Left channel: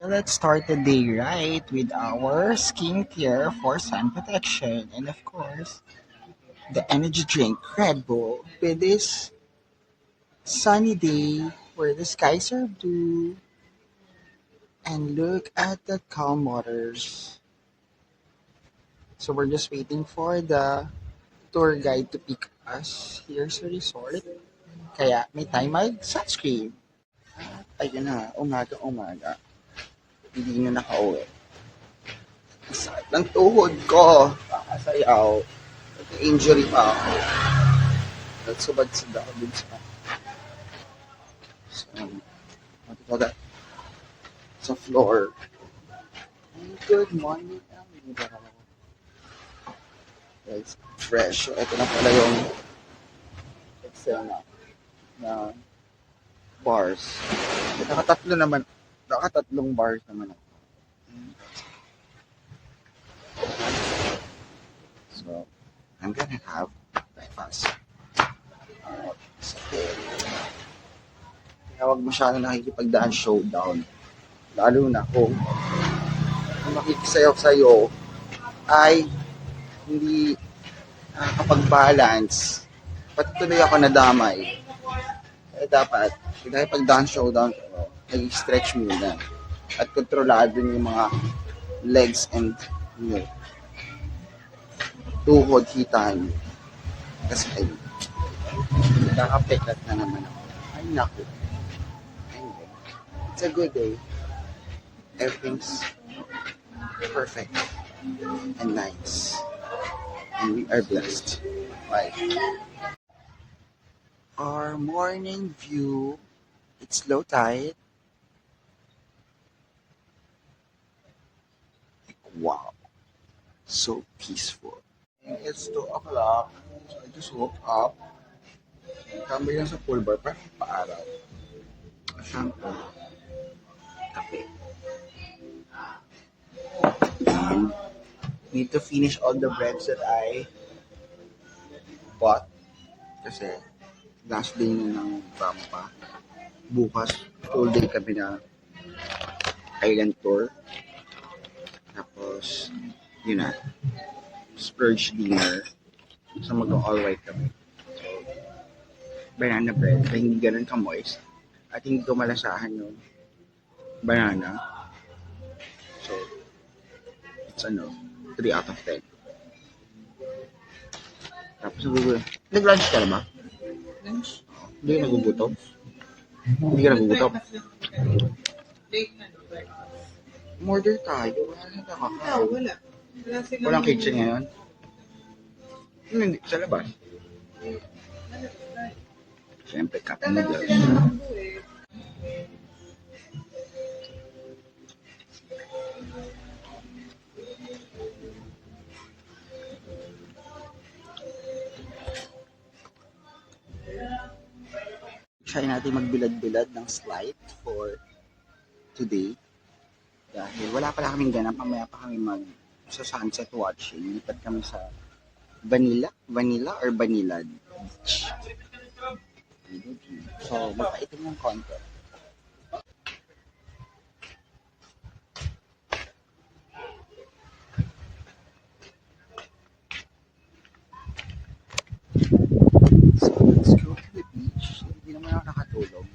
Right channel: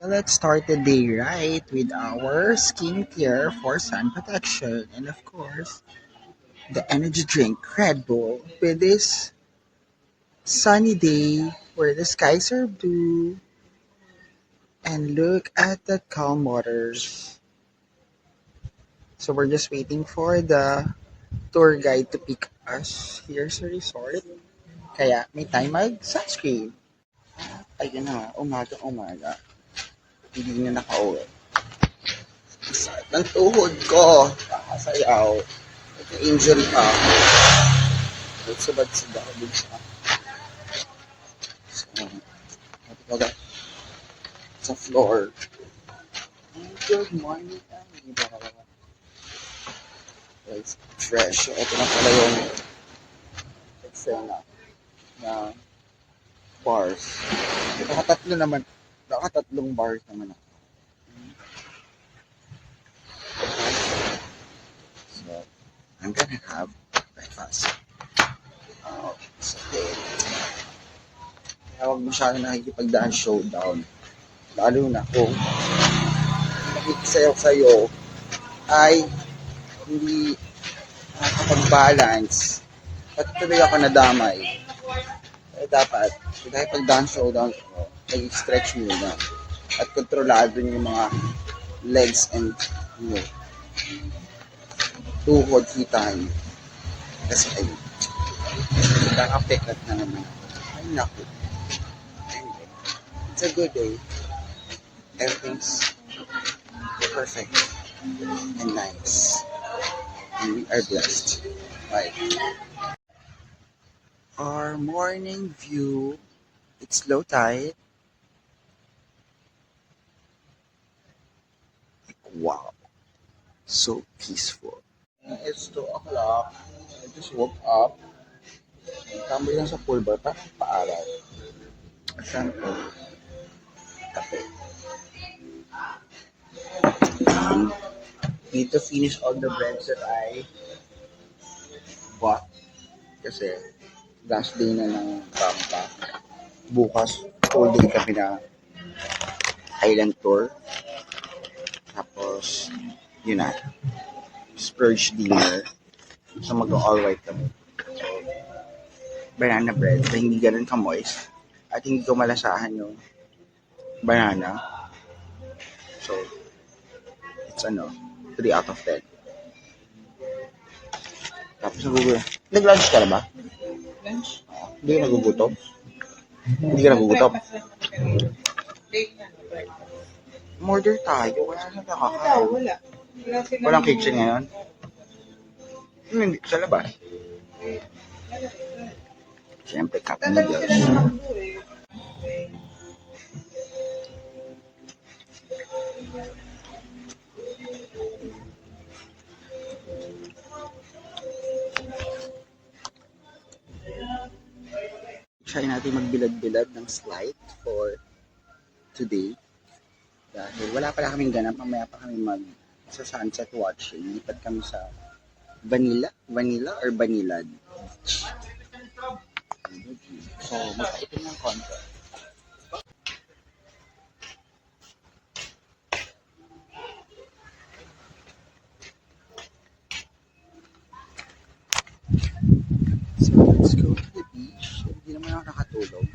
Let's start the day right with our skincare for sun protection and of course the energy drink Red Bull with this sunny day where the skies are blue and look at the calm waters. So we're just waiting for the tour guide to pick us here sa resort. Kaya may time mag sunscreen. Ayun na, umaga. Hindi na nakauwi. Sakit ng tuhod ko. Kakasayaw. Nagka-injury pa ako. Nagsubad-sad ako dun what do you call that? Sa floor. Good morning, Amida. It's fresh. So, ito na pala yung Excel na bars. Nakatatlong bars naman ako. So, I'm gonna have breakfast. Sa deli. Kaya huwag masyado nakikipagdaan showdown. Lalo na kung makikisayaw sa'yo ay hindi nakakapag-balance. Pati tuloy ako nadamay. Kaya dapat, dahil pag-daan showdown ko, nag-stretch muna. At kontrolado yung mga legs and tuhod hitaan. Kasi ayun, nakakapekat na naman ako. Ay naku. Anyway, it's a good day. Everything's perfect and nice. And we are blessed. Right. Our morning view, it's low tide. Wow. So peaceful. It's 2 o'clock. I just woke up. Tambay lang sa pool bar, parang paaraw. Saan po? Kape. And need to finish all the breads that I bought. Kasi last day na ng Tampa. Bukas, whole day kami na island tour. Tapos, yun na. Splurge dinner. So, mag-all white kami. So, banana bread na hindi ganun ka-moist. At hindi ko malasahan yung banana. So, it's 3 out of 10. Tapos nag-lunch ka na ba? Lunch? Hindi ka nagugutom? Hindi ka nagugutom? Order tayo. Wala na nakakain. Wala. Walang kitchen ngayon? Hindi, sa labas. Siyempre, cup noodles. Try natin magbilad-bilad ng slide for today. Dahil wala pala kaming ganap, mamaya pa kami sa sunset watching. Lipat kami sa Vanilla or Vanillad Beach. So, magpaitin ng konti. So, let's go to the beach. Hindi naman ako nakatulog.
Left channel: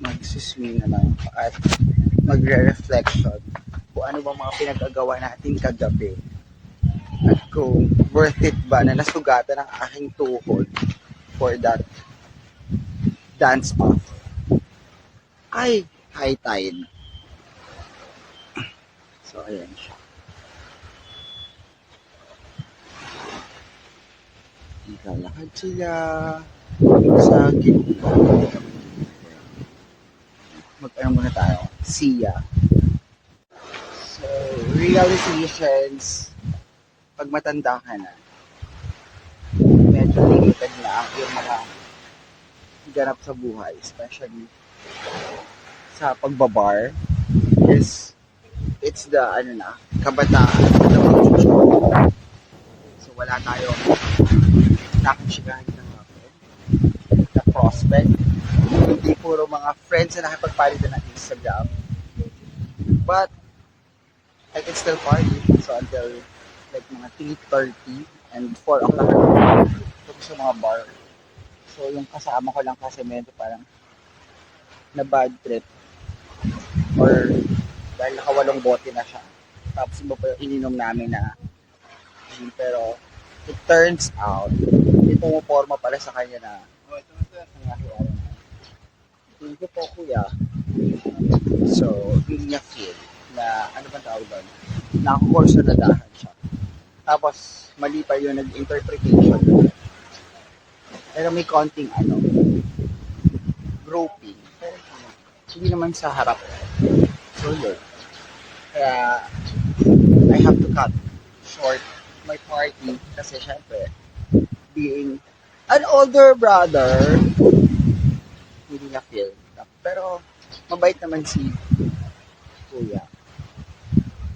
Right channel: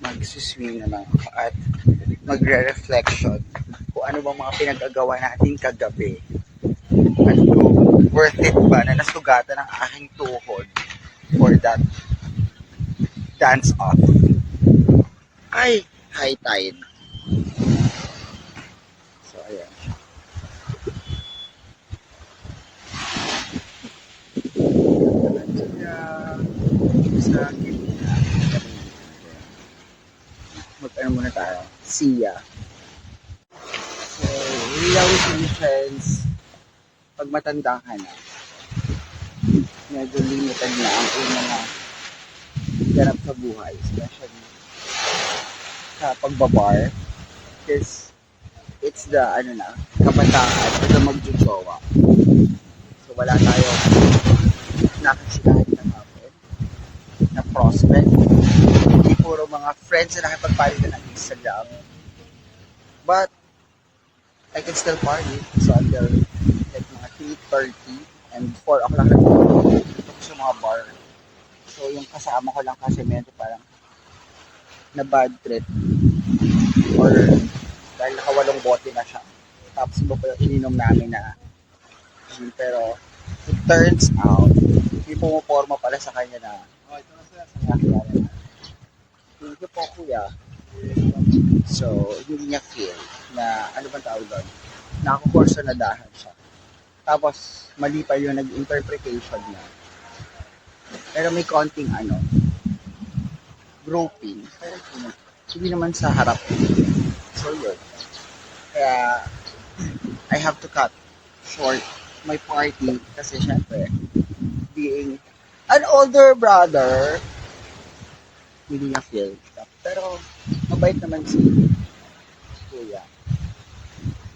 Magsiswim na lang ako at magre-reflection kung ano bang mga pinag-agawa natin kagabi. At kung worth it ba na nasugatan ang aking tuhod for that dance off. Ay, high tide. So, ayan siya. At sila sa gitna. Mag-ano muna tayo. Siya. So, realizations, pag matanda ka na, medyo limited na ang yung mga ganap sa buhay, especially sa pagbabar, is it's the kabataan for the magsusowa. So wala tayong nakasikahin na hapon na prospect. Hindi puro mga friends na nakipagpalitan ng Instagram. But I can still party. So until like mga 3:30 and 4 o'clock dito ko sa mga bar. So yung kasama ko lang kasi medyo parang na bad trip or dahil nakawalong bote na siya. Tapos iba pa yung ininom namin na gin. Pero it turns out, may pumuporma pala sa kanya na, oh, ito na sir, sa nakakilala na. Thank you po kuya. So, hindi niya feel na, ano bang tawag doon? Nakakurso na dahan siya. Tapos, mali pa yung nag-interpretation. Pero may konting, groping. Pero hindi naman sa harap. So, yun. Kaya, I have to cut short my party kasi syempre, being an older brother, hindi niya feel. Pero, mabait naman si kuya.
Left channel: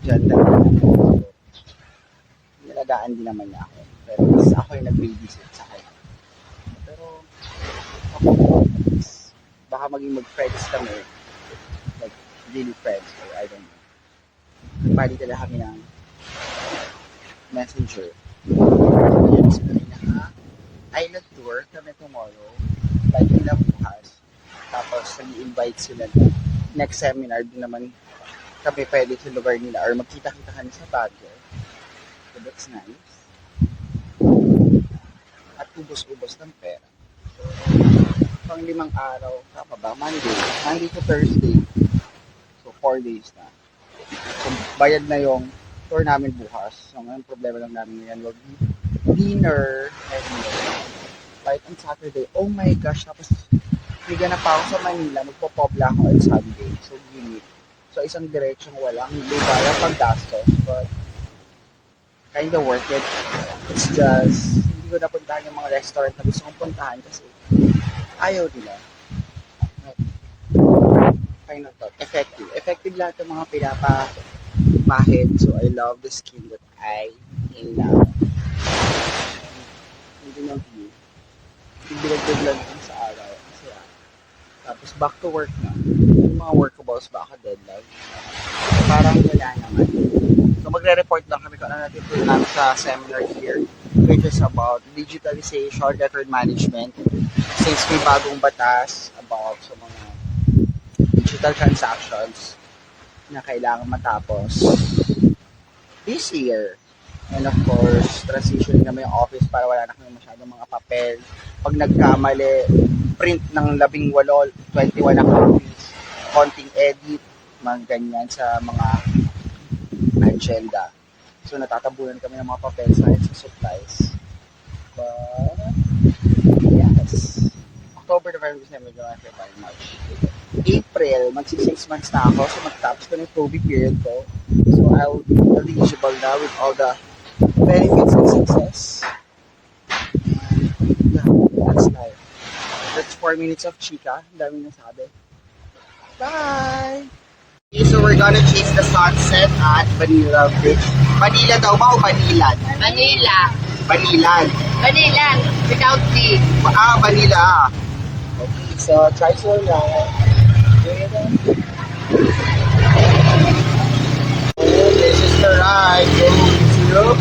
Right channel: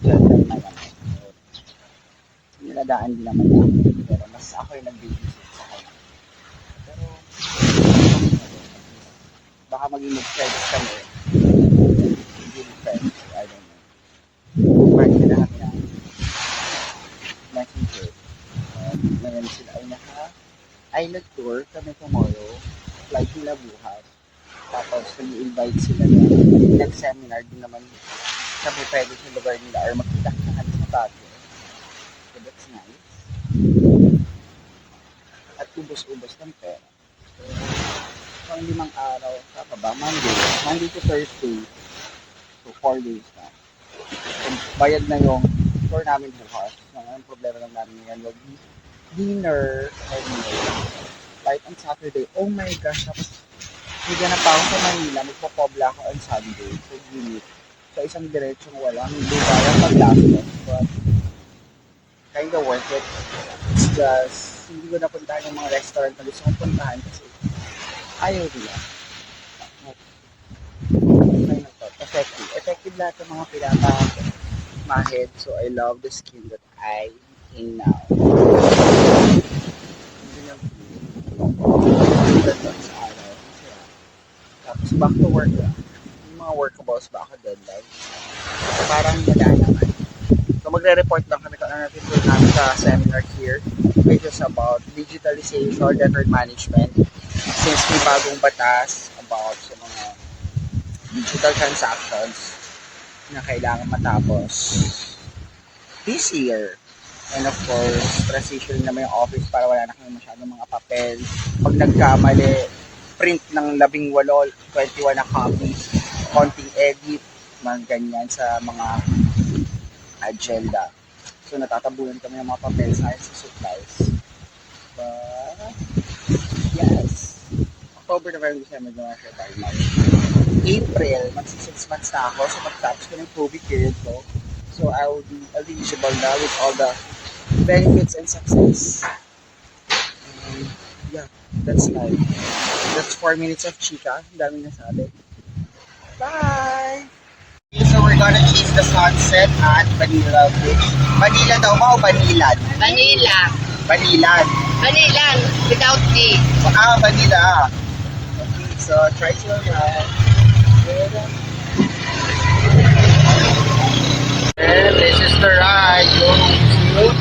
Gentle naman. Nilagaan din naman niya ako. Pero mas ako yung nag-babysit sa kanya. Pero, baka maging mag-friends kami. Really friends. Or I don't know. Party na kami ng messenger. Ngayon sila ay naka-island tour kami tomorrow. Flight nila bukas. Tapos, nag-invite sila na next seminar din naman kami pwede sa lugar nila or magkita-kitahan sa Baguio. So, that's nice. At ubos-ubos ng pera. So, pang 5 araw, tama ba? Monday to Thursday. So, 4 days na. So, bayad na yung tour namin bukas. So, ang problema lang namin ngayon, wag dinner and flight on Saturday. Oh my gosh, tapos higa na pa ako sa Manila, magpo-pobla ako on Sunday. So, limit. So, isang diretsong walang lugar ang paglastos. But, kind of worth it. It's just, hindi ko napuntahan yung mga restaurant na gusto kong puntahan kasi ayaw nila. Final thought. Effective. Effective lahat ng mga pinapamahid. So, I love the skin that I in now. Hindi nang feel. Pinagpindan lang sa araw. Kasi tapos back to work na. Yung mga workables baka deadline. Parang wala naman. So magre-report lang kami kung ano natin tuloy namin sa seminar here, which is about digitalization, record management. Since may bagong batas about sa mga digital transactions na kailangan matapos this year. And of course, transition naman yung office para wala na kami masyadong mga papel. Pag nagkamali, print ng 18, 21 na copies, konting edit, mga ganyan sa mga agenda. So, natatabunan kami ng mga papel sa supplies. But, yes. October, November, December, January, February, March. April, magsi 6 months na ako. So, magtapos ko ng COVID period ko. So, I will be eligible na with all the benefits and success. Yeah, that's life. That's 4 minutes of chika. Ang dami nasabi. Bye! Okay, so we're gonna chase the sunset at Manila Beach. Manila daw ba o Banilan? Manila. Banilan. Banilan without D. Manila. Okay, so try to ride. And this is the ride going to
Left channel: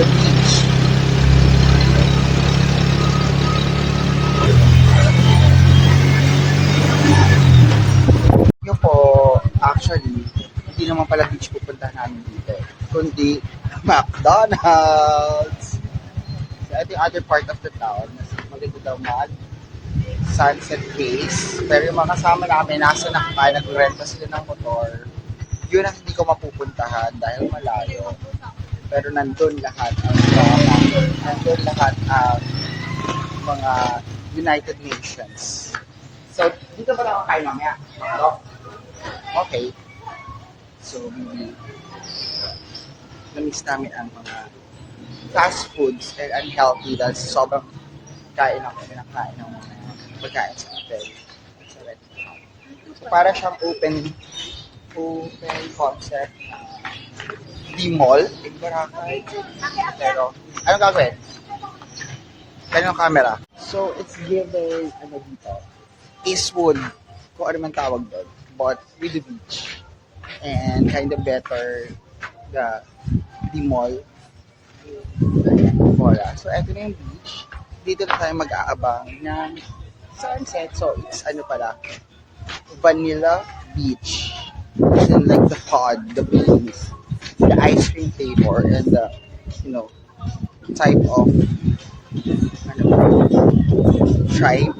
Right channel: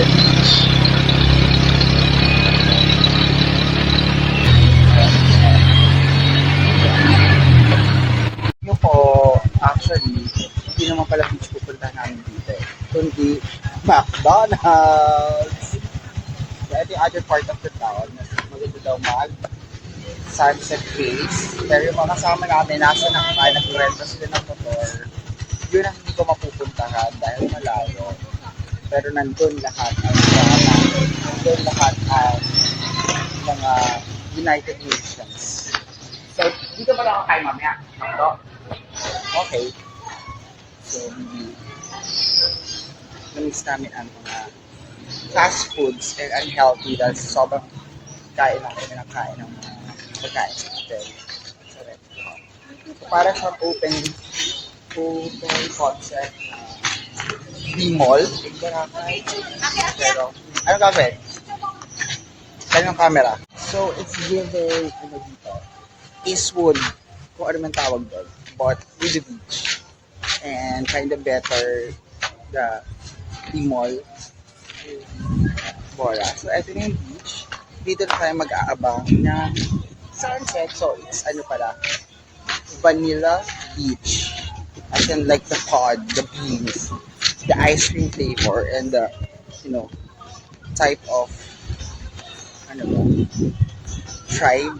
the beach. Yun po, actually, hindi naman pala beach pupuntahan namin dito. Kundi McDonald's. So, ito yung other part of the town. Maganda daw sunset face. Pero yung mga kasama namin, nasa nakaka, nag-renta sila ng motor. Yun ang hindi ko mapupuntahan dahil malayo. Pero nandun lahat ang mga United Nations. So, dito ba lang ako kayo mamaya? Makdo? Okay. So, maybe na-miss namin ang mga fast foods and unhealthy dahil sobrang kain ng mga pagkain sa hotel sa restaurant. So, para siyang open concept na B-mall in Boracay. Pero, anong gagawin? Kanyang camera. So, it's giving, dito, Eastwood, kung ano man tawag doon, but with the beach. and kind of better the mall for us. So, ito na yung beach. Dito na tayo mag-aabang ng sunset. So, it's ano pala, Vanilla Beach. As in like the pod, the beans, the ice cream flavor, and the, you know, type of, ano ba, tribe.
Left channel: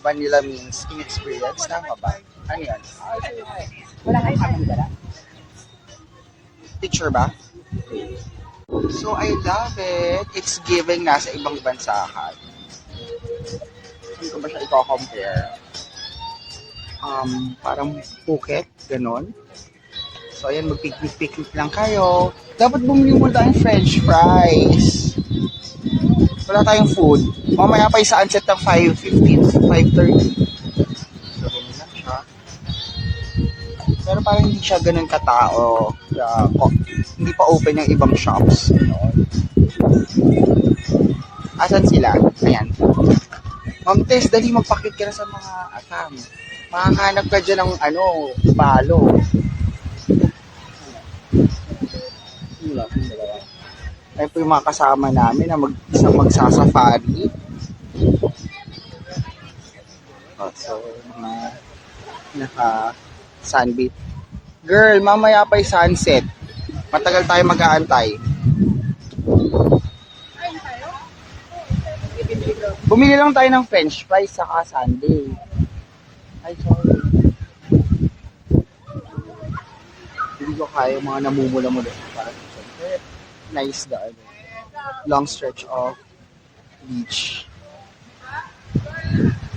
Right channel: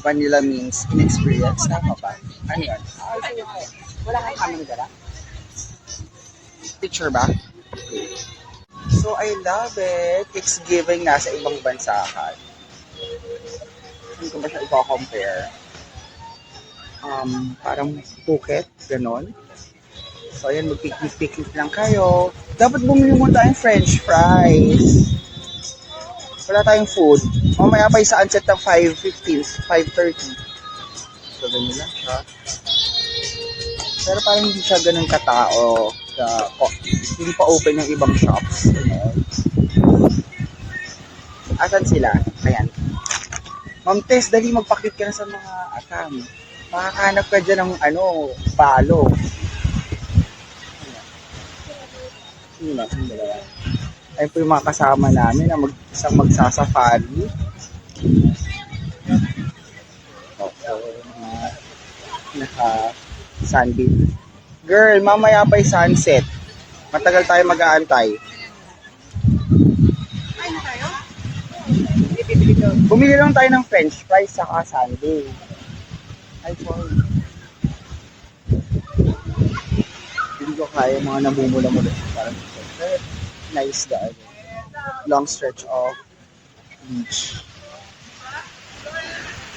Vanilla means inexperience. Tama ba? Ano yun? Wala kang kamang dala? Picture ba? So, I love it. It's giving nasa ibang bansa ka. Saan ko ba siya i-compare? Parang Phuket, ganon. So, ayan, mag-picnic-picnic lang kayo. Dapat bumili muna tayong french fries. Wala tayong food. Mamaya pa yung sunset ng 5:15, 5:30. So, ganyan lang siya. Pero parang hindi siya ganun katao. Hindi pa open yung ibang shops. You know? Asan sila? Ayan. Ma'am Tess, dali magpakit ka na sa mga akam. Makakanap ka dyan ng balo. Yun lang, yung dalawa. Ayun po yung mga kasama namin na isang magsasafari. So, mga naka-sunbeat. Girl, mamaya pa yung sunset. Matagal tayo mag-aantay. Ay, na tayo? Bumili lang tayo ng french fries saka sundae. Ay, sorry. Hindi ko kaya yung mga namumula-mula. Parang very nice the long stretch of beach.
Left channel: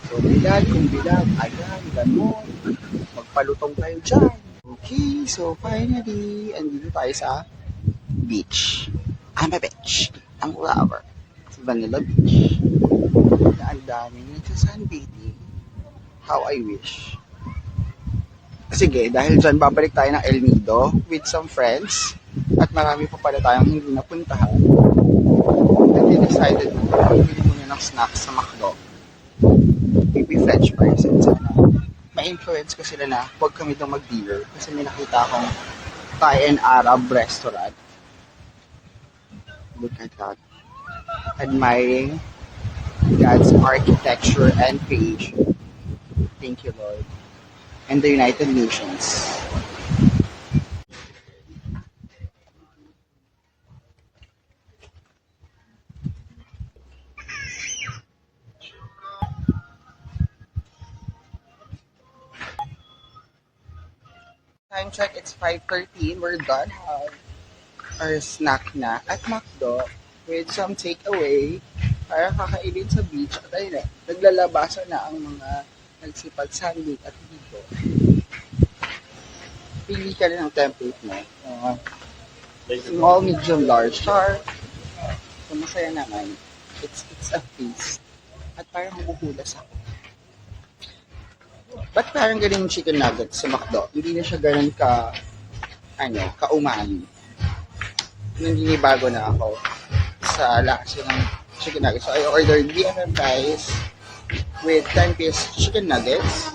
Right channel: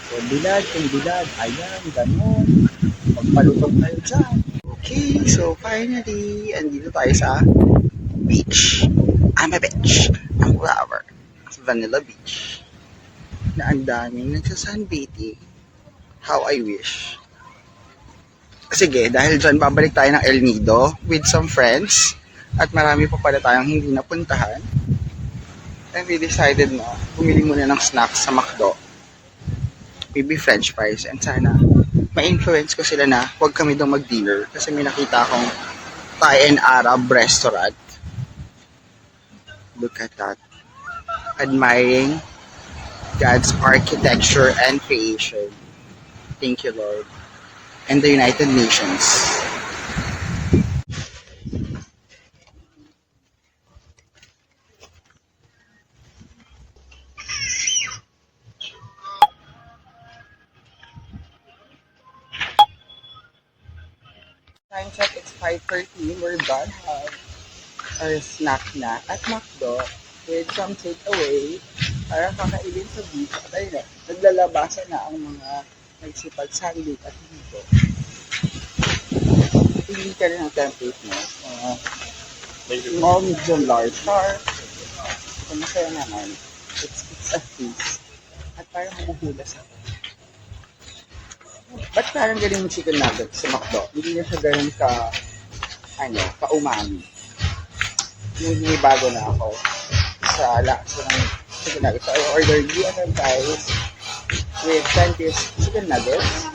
So, bilad, kung bilad, ayan, ganun. Magpalutong tayo dyan. Okay, so finally, andito tayo sa beach. I'm a beach. Ang lover. Vanilla Beach. Na ang daming nagsasunbathing. How I wish. Sige, dahil dyan, babalik tayo ng El Nido with some friends. At marami pa pala tayong hindi napuntahan. And we decided na bumili muna ng snacks sa McDo. Maybe french fries. And sana ma-influence ko sila na huwag kami daw mag-dinner. Kasi may nakita akong Thai and Arab restaurant. Look at that. Admiring God's architecture and creation. Thank you, Lord. And the United Nations. Time check, it's 5:13. We're done. Have our snack na at McDo with some takeaway para kakainin sa beach. At ayun na, naglalabasan na ang mga nagsipag-sunbake at dito. Pili ka rin ang template mo. Small, medium, large. Char. Kung masaya naman, it's a feast. At parang maguhulas ako. Ba't parang ganun yung chicken nuggets sa McDo? Hindi na siya ganun ka-umami. Yung ginibago na ako sa lasa ng chicken nuggets. So, I ordered DFM fries with 10-piece chicken nuggets.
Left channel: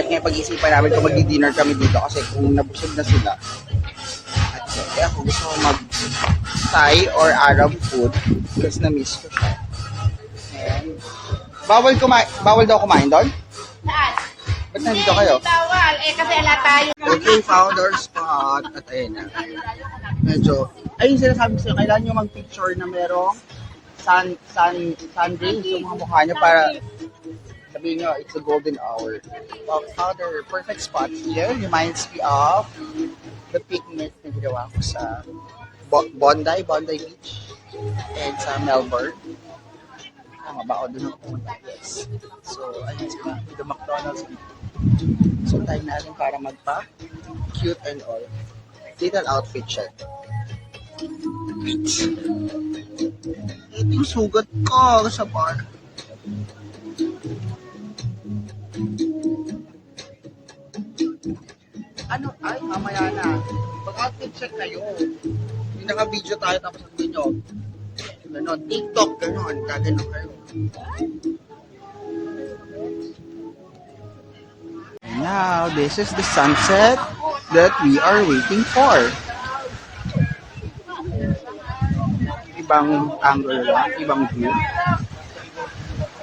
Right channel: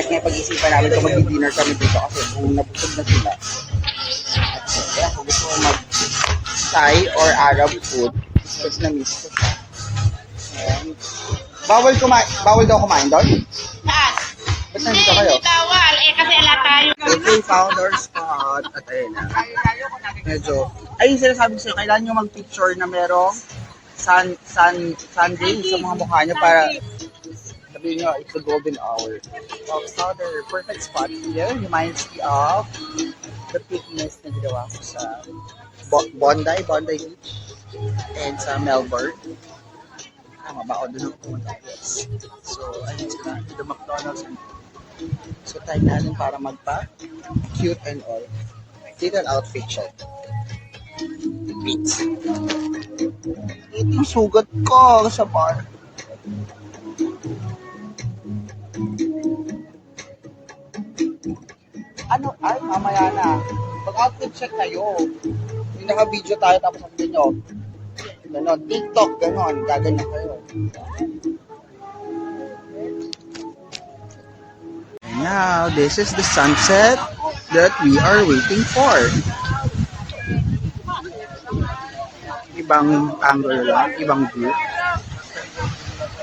At nga pag-isipan namin kung mag-dinner kami dito kasi kung nabusog na sila. At so, kaya kung gusto ko mag-Thai or Arab food, kasi na-miss ko siya. Ayan. Bawal daw kumain doon? Saan? Ba't nandito kayo? Hindi bawal. Kasi ala tayo. Okay, found our spot. At ayun na. Medyo, ayun sinasabi ko sa'yo, kailangan nyo mag-picture na merong sunday sa mga mukha nyo para sabihin nyo, it's a golden hour. So, found our perfect spot here. Reminds me of the picnic na ginawa ko sa Bondi Beach and sa Melbourne. Tama ba? O, doon ako pumunta. Yes. So, ayun sila. The McDonald's. So, time natin para magpa-cute and all. Little outfit siya. Ito yung sugat ko sa bar. Ano? Ay, mamaya na. Pag-outfit check kayo. Yung naka-video tayo tapos sabihin nyo, ganon, TikTok, ganon, gaganon kayo. now, this is the sunset that we are waiting for. Ibang angle lang, ibang view.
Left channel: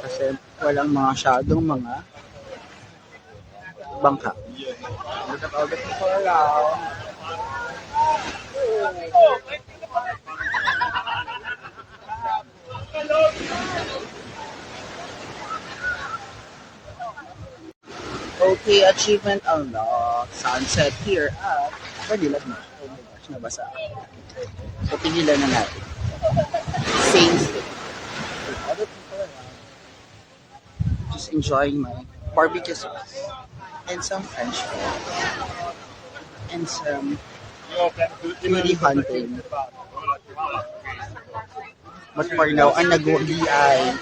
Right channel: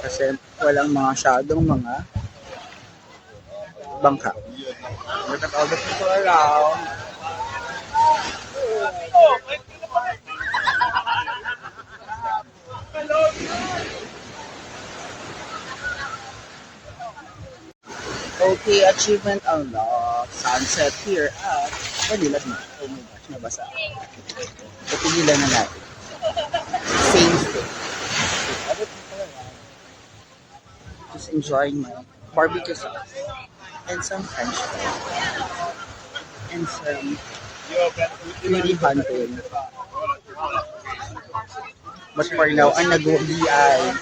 Kasi walang mga shadow, mga bangka. Look at all the people around. Okay, achievement unlocked. Sunset here at Manila na. Oh my gosh, nabasa ako. So, tigilan na natin. Same thing. With other people around. Just enjoying my barbecue sauce. And some French fries. And some beauty hunting. But for now, ang nag-uwi ay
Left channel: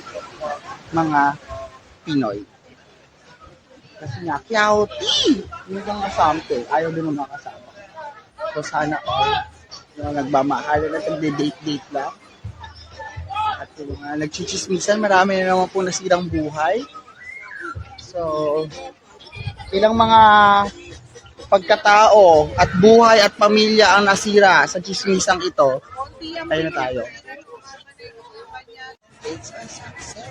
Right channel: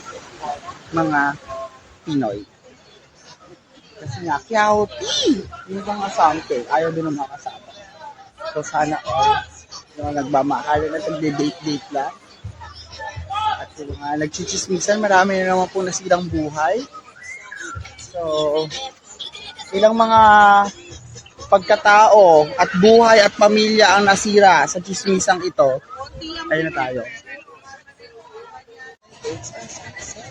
mga Pinoy. Kasi nga, Kiauti! Yung mga something, ayaw din ng mga kasama. So sana all, yung nagmamahalan na nagde-date-date lang. At yung mga nagchichismisan, marami na naman po nasirang buhay. So, ilang mga pagkatao at buhay at pamilya ang nasira sa chismisang ito. Ayun na tayo. It's a success.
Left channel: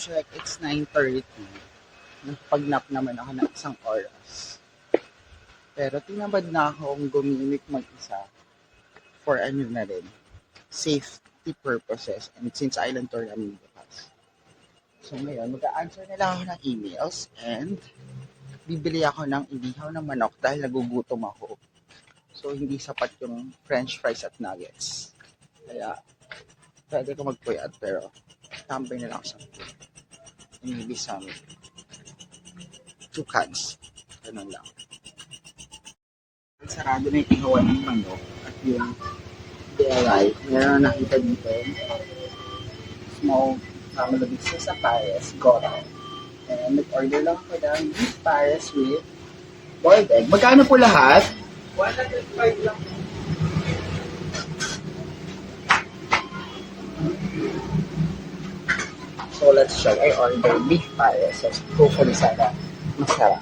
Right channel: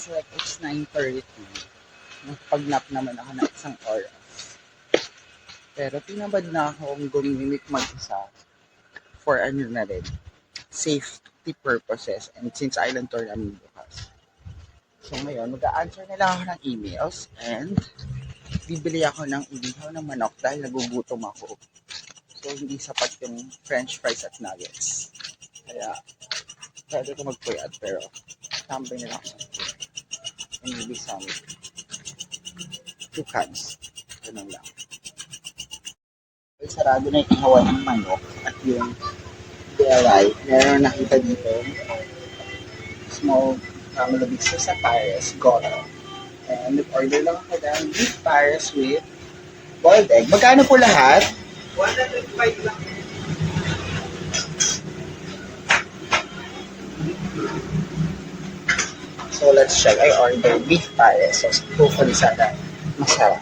Check, it's 9:30. Nagpag-nap naman ako ng isang oras. Pero tinabad na akong gumimik mag-isa for ano na rin, safety purposes and since island tour namin bukas. So ngayon, mag-a-answer na lang ako ng emails and bibili ako ng inihaw ng manok dahil nagugutom ako. So hindi sapat yung french fries at nuggets. Kaya pwede ko magpuyat pero tambay na lang ako sa food. And maybe some 2 cans. Ganun lang. Sarado na yung ihawan ng manok at yung DIY. Meron nakita dito small family business sa Paris, Goro. And nag-order lang ako ng beef Paris with boiled egg. Magkano po lahat? 105 lang. So let's check. I ordered beef Paris. So hopefully sana masarap.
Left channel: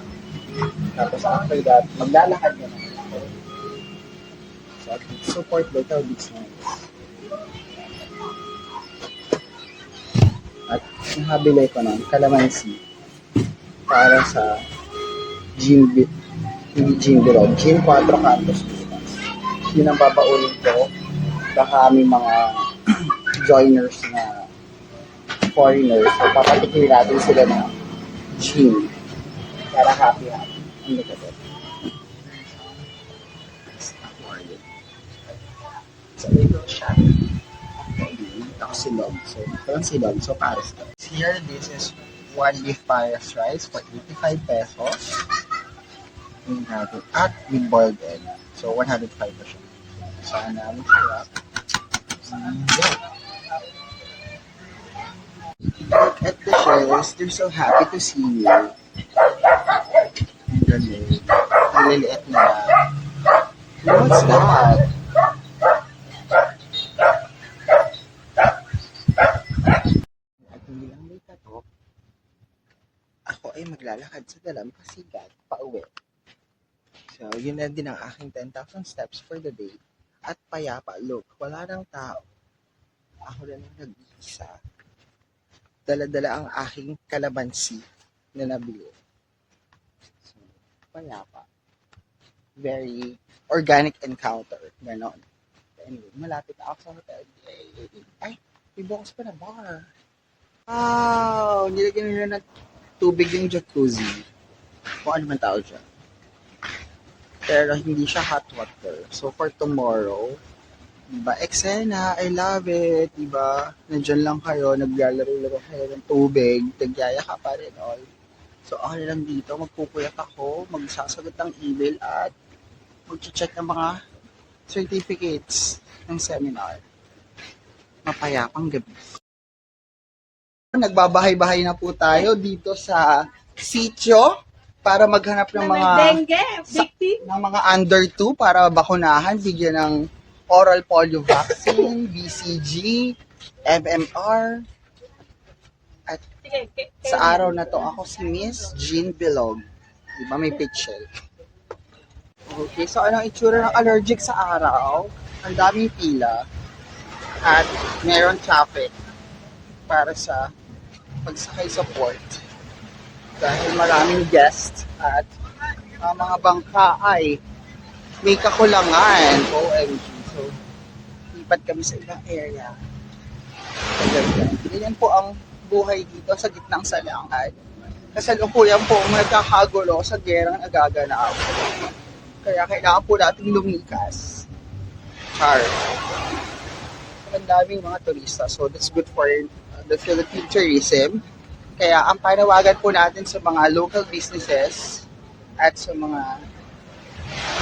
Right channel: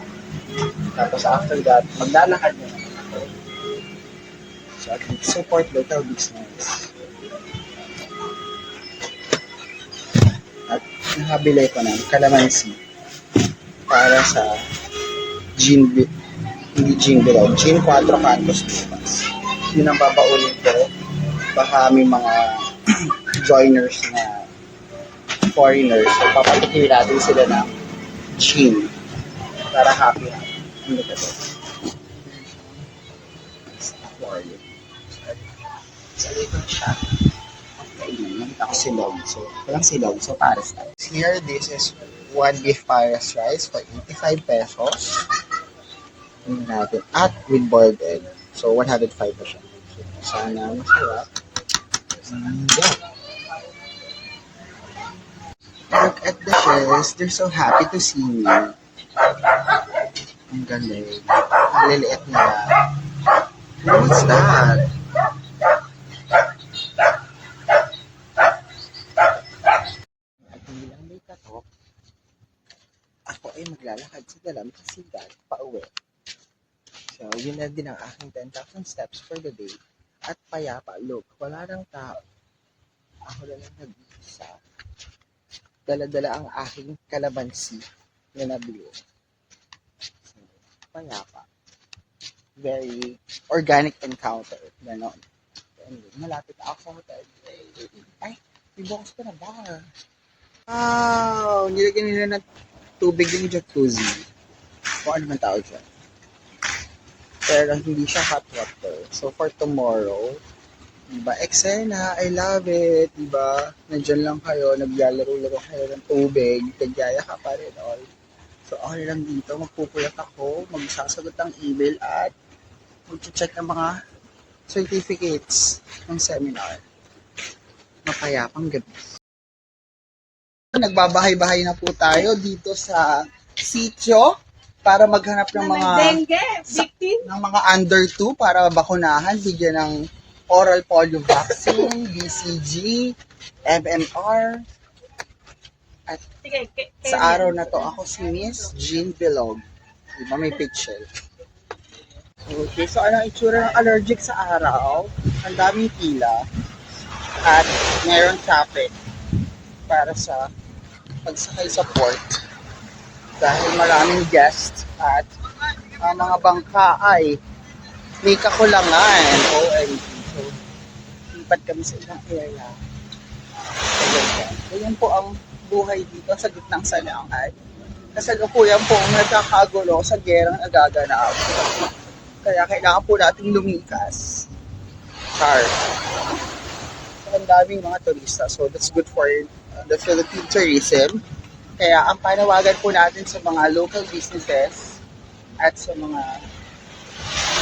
Tapos after that, maglalakad na naman ako. So at least support local business. At nakabili ko ng calamansi para sa hindi gin bilog, gin 4 cantos bukas. Yun ang babaunin ko. Baka may mga joiners na foreigners, so papatikin natin sila ng gin para happy-happy. Ang look at it. Aquarium. Sa label siya. Okay, nakita ko silog. So, walang silog. So, pares na. Here, this is one beef pares rice for 85 pesos. Yun natin. At with boiled egg. So, 105 na siya. Sana masarap. Yeah. Look at the shells. They're so happy to see me. Ang galing. Ang liliit nila. What's that? At hindi lang may katok, ako ay maglalakad sa Dalampasigan pauwi. So, yun na din ang aking 10,000 steps for the day. At payapa, look, wala nang tao. Ako na lang nag-isa. Dala-dala ang aking kalamansi na nabili. So, payapa. Very organic encounter. Ganon. Anyway, malapit ako sa hotel. Ay, may bukas pa na bar. Wow! Nilagyan nila ng tubig yung jacuzzi. Kung ano man tawag dyan. Pero hindi siya hot water. So, for tomorrow, diba, eksena, I love it, diba? Nandyan lang kayo, naglalaro-laro kayo ng tubig, nagyaya ka pa rin, all. So, ako lang dito, magpupuyat ako, magsasagot ng email at mag-check ng mga certificates ng seminar. Mapayapang gabi. Nagbabahay-bahay na po tayo dito sa sitio para maghanap ng mga dengue, victim. ng mga under 2 para bakunahan, bigyan ng oral polio vaccine, BCG, MMR. At Sige, sa araw na to, ako si Miss Jean Bilog. Diba may picture? Okay, so ano ang itsura ng allergic sa araw? Ang daming pila at mayroon traffic para sa pagsakay sa port dahil maraming guests at ang mga bangka ay may kakulangan. OMG. So, lipat kami sa ibang area. So, ganyan po ang buhay dito sa gitnang salangan. Kasalukuyan po nagkakagulo sa gerang nagaganap. Kaya kailangan po nating lumikas. Char. So, ang daming mga turista. So, that's good for the Philippine tourism. Kaya ang panawagan po natin sa mga local businesses at sa mga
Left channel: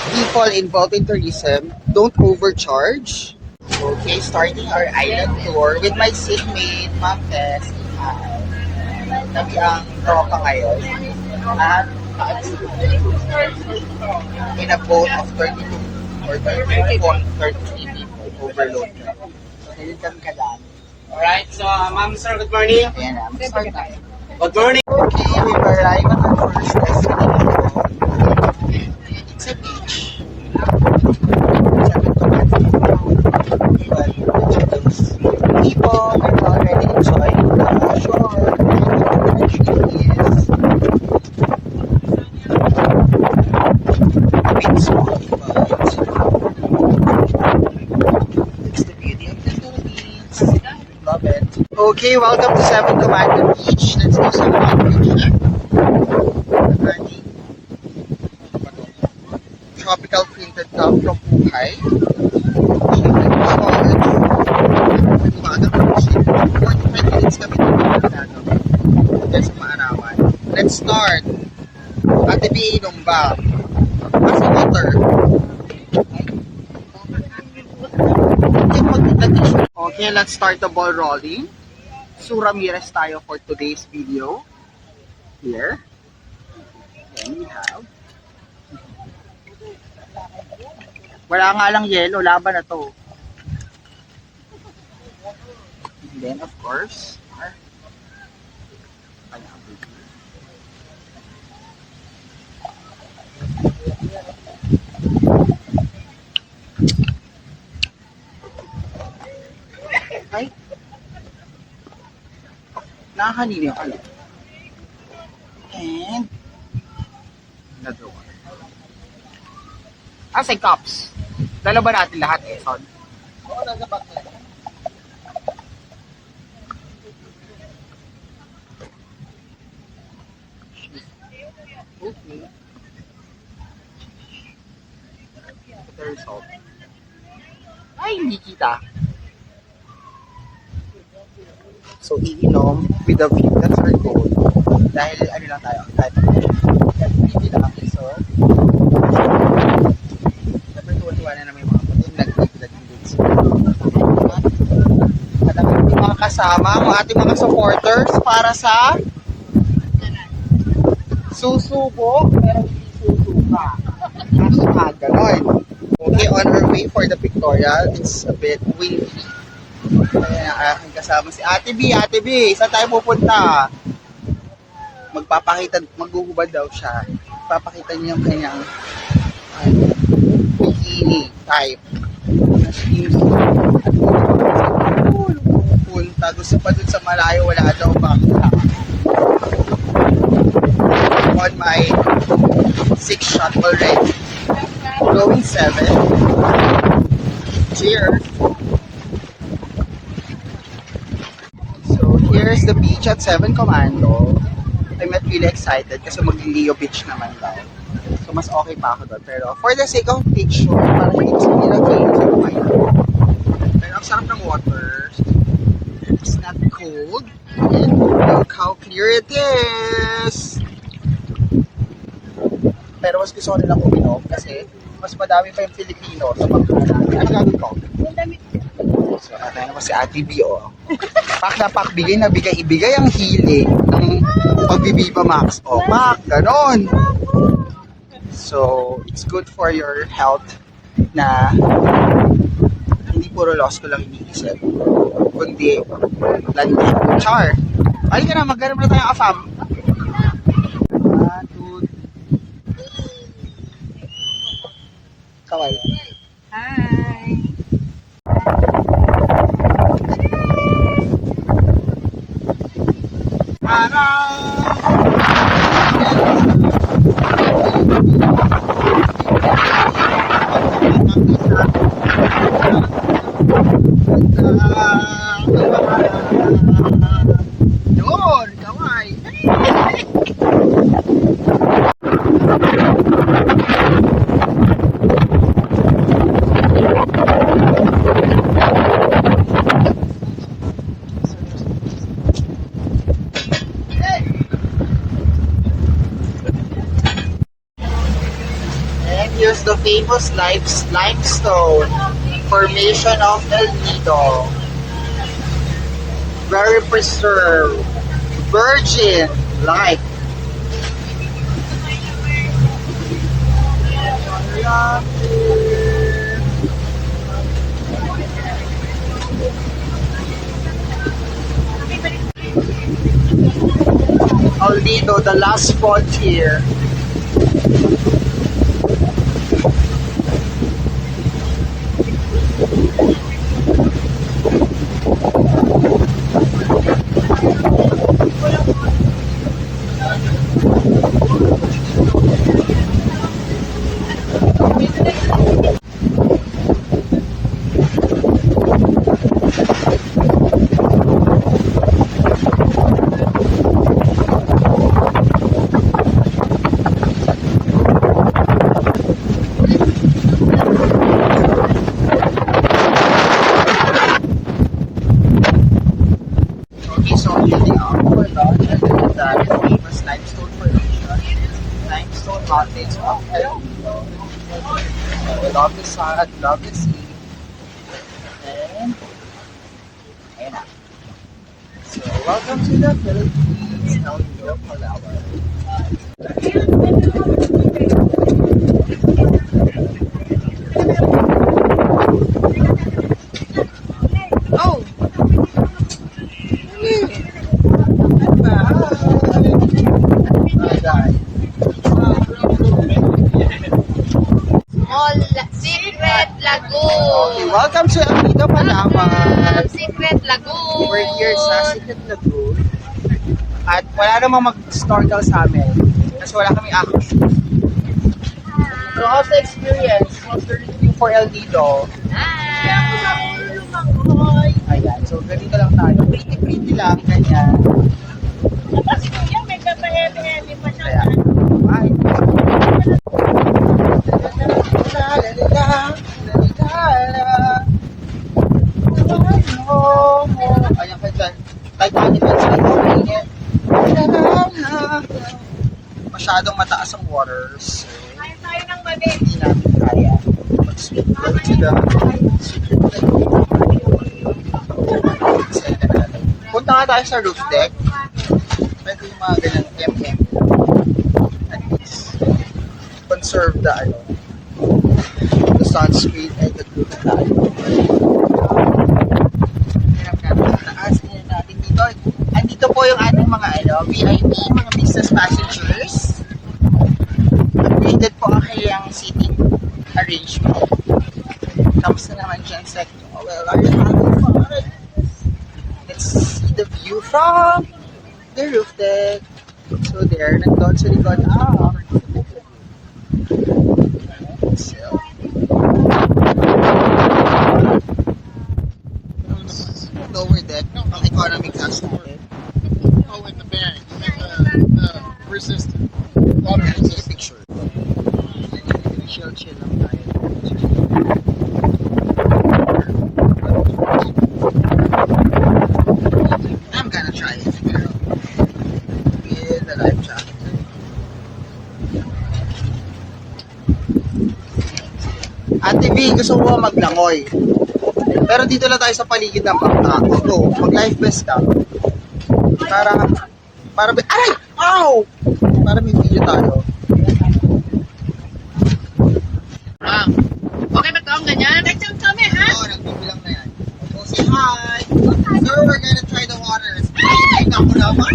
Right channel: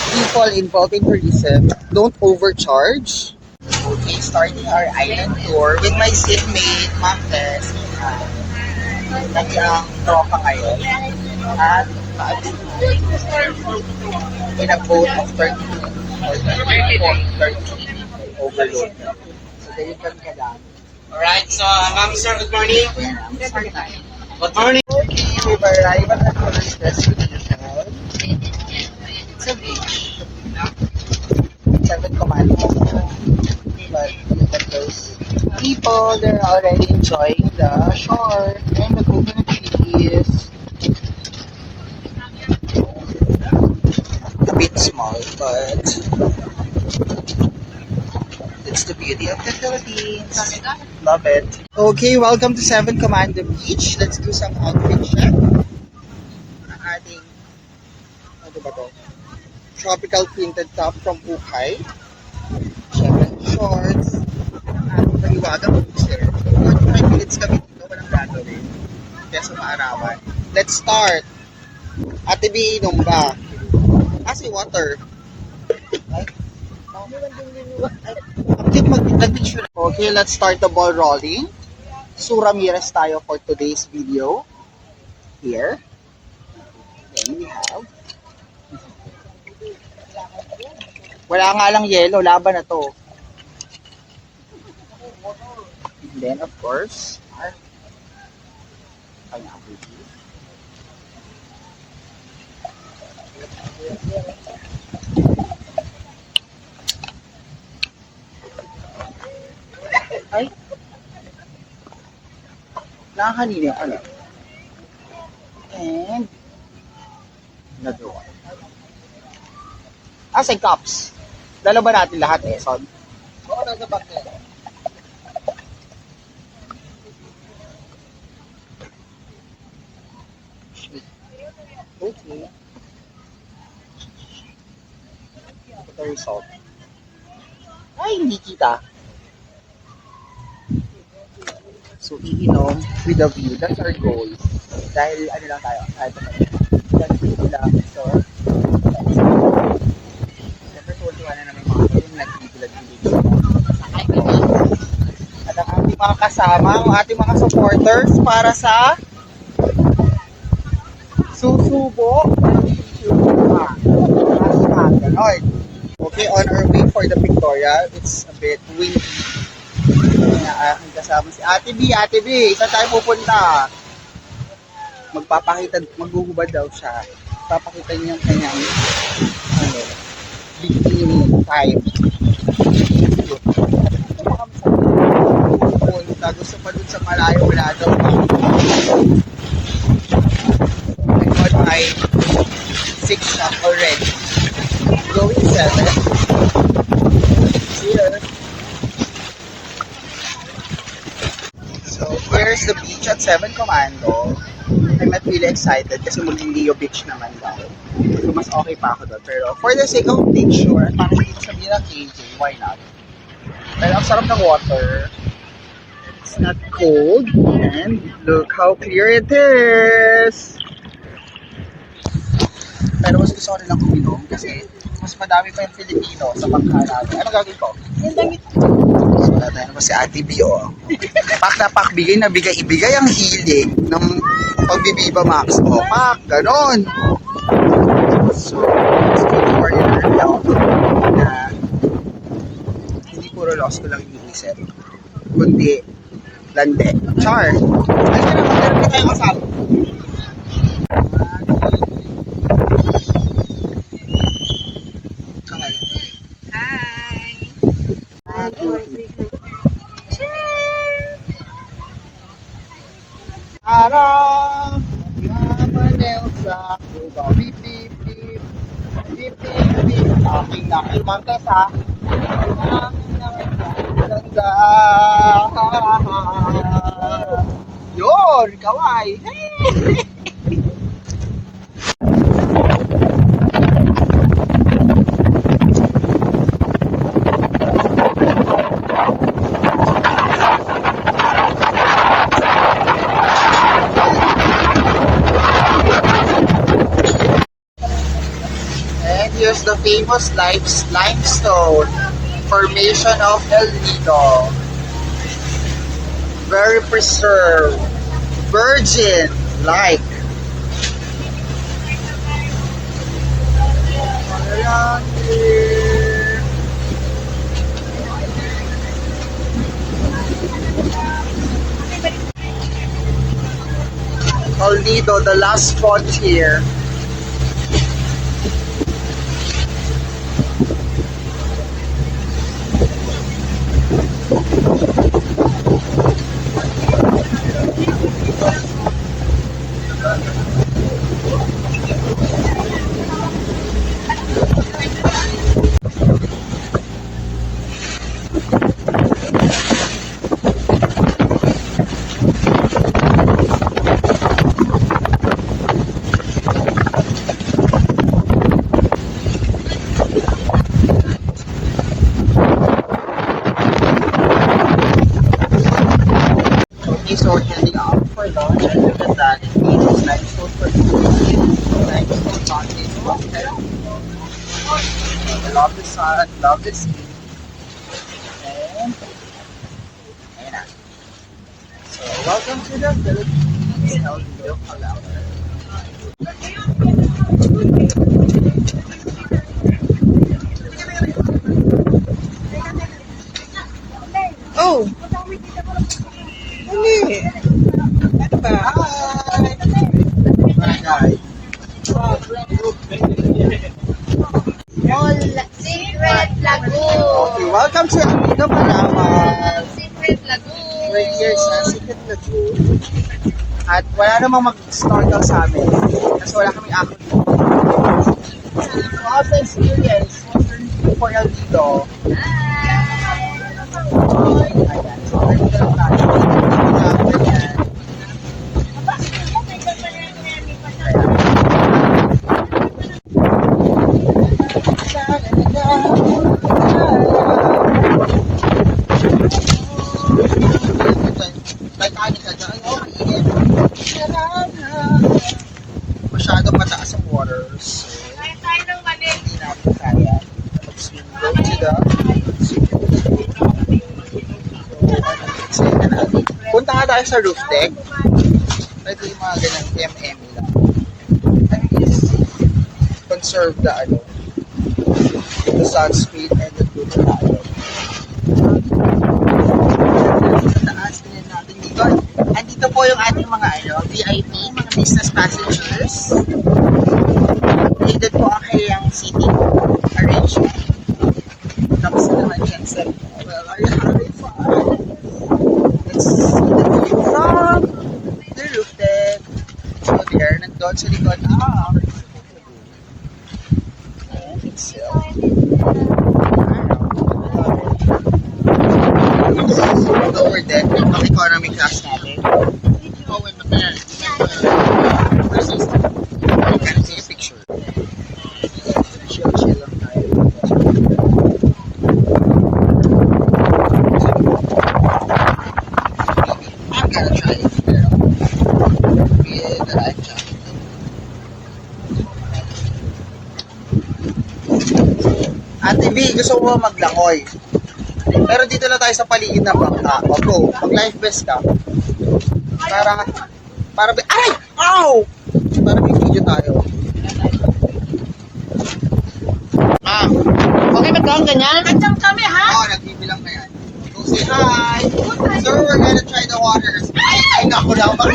people involved in tourism, don't overcharge. Okay, starting our island tour with my seatmate, Ma'am Tess. Lagi ang tropa ngayon. At in a boat of 32 or 33 people, overload na. So, ganyan kami kadami. Alright, so ma'am sir, good morning. Ayan na, mag-start tayo. Good morning. Okay, we've arrived at our first destination. It's a beach. Seven Commandments. But look at those people, they're already enjoying the shore. It's a bit small, but it's the beauty of the Philippines. Love it. Okay, welcome to Seven Commandment Beach. Let's do some outfit check. Ang ating ano ba to? Tropical printed top from Pukay. Siyempre, shorts. At paliwagang beach. 45 minutes kami dito na gagawin. Then sa maarawan. Let's start. Ate B, inom ba? Asa water? Ay, okay, let's start the ball rolling. Sue Ramirez tayo for today's video. Here. Then we have. Wala nga lang yellow, laban na to. And then of course, pineapple juice. Ay. Nakakanina pala. And another one. Say cups. Dala ba natin lahat, Son? Oo, nasa back niya. Okay. Ito yung salt. Ay, hindi kita. So, iinom with a view. That's our goal. Dahil, ano lang tayo, that's pretty lang. So, siyempre, tuwa na namin mga kapatid, nag-gilid-gilid. At ang ating mga kasama, ang ating mga supporters para sa susubo, pero hindi susubo ka. Hashtag, gano'n. Okay, on our way for the pictorial, it's a bit windy. Aking kasama si Ate B. Ate B, saan tayo pupunta? Maghuhubad daw siya. Papakita niya yung kanyang bikini type. Punta, gusto pa dun sa malayo, wala daw bang on my 6 shot already. Going 7. Cheers! So, here's the beach at Seven Commando. I'm not really excited kasi mag-Leo Beach naman daw. So, mas okay pa ako doon. Pero, for the sake of picture, para hindi nila kayo, so why not? Pero, ang sarap ng water. It's not cold. And look how clear it is! Pero, mas gusto ko nilang uminom kasi mas madami pa yung Filipino sa bangka namin. Ano gagawin ko? Yung damit. So, natin naman si Ate B, oh. Pak na pak, bigay na bigay. Ibigay ang hilig ng pagbibiba Max. Oh, pak, ganon. So, it's good for your health na hindi puro loss ko lang iniisip, kundi lande. Char! Halika na, magkaroon na tayong kasama. Kaway. Hi! Yun, kaway. And here's the famous limestone formation of El Nido. Very preserved, virgin like. El Nido, the last frontier. Okay, so here they are for lunch, and look at that, it's famous limestone formation, limestone mountains of El Nido. I love the sun, I love the sea, and ayun na. So, welcome to the Philippines, El Nido, Palawan. Oh! Dali! Ano ba? Hi guys. Mall Secret Lagoon! Okay, welcome to El Nido, Palawan. Secret Lagoon! We're here sa Secret Lagoon. At wala namang mag-snorkel sa amin. Kasi wala kaming ako. So, how's the experience? How's the review for El Nido? Ayan. So, ganito lang tayo. Ganito lang, ganyan. Ayan. Titanic at sa masyadong mataas ang waters. So, Kain tayo ng mali. hindi namin kaya mag-swim. Go to the secret lagoon. Excited na natin. Punta nga tayo sa roof deck. Pwede yung mga ganang MM lang. At least, conserve the sunscreen and the blue na tayo. Sa taas, tingnan natin dito. Andito po yung ating mga VIP, mga business passengers. Updated po ang kanyang seating arrangement. Tapos na naman dyan sa inyo. Well, are you having fun? Let's see the view from the roof deck. So there, nandun sa likod. Lower deck, yung economy class natin. Oh, in the back. Versus take a picture. Chill lang tayo. I'm gonna try it. Pero, with the life jacket. Ate V, gusto mo maglangoy. Pero dito lang tayo sa paligid ng bangka. O go, mag-life vest ka. Para, aray! Ow! Para may video tayo. Okay ba ito ang ganyan? Nandiyan kami, ha? Oo, nagbibilang na yan. Go say hi. Sir, we're gonna try the waters. Ay, naku naman.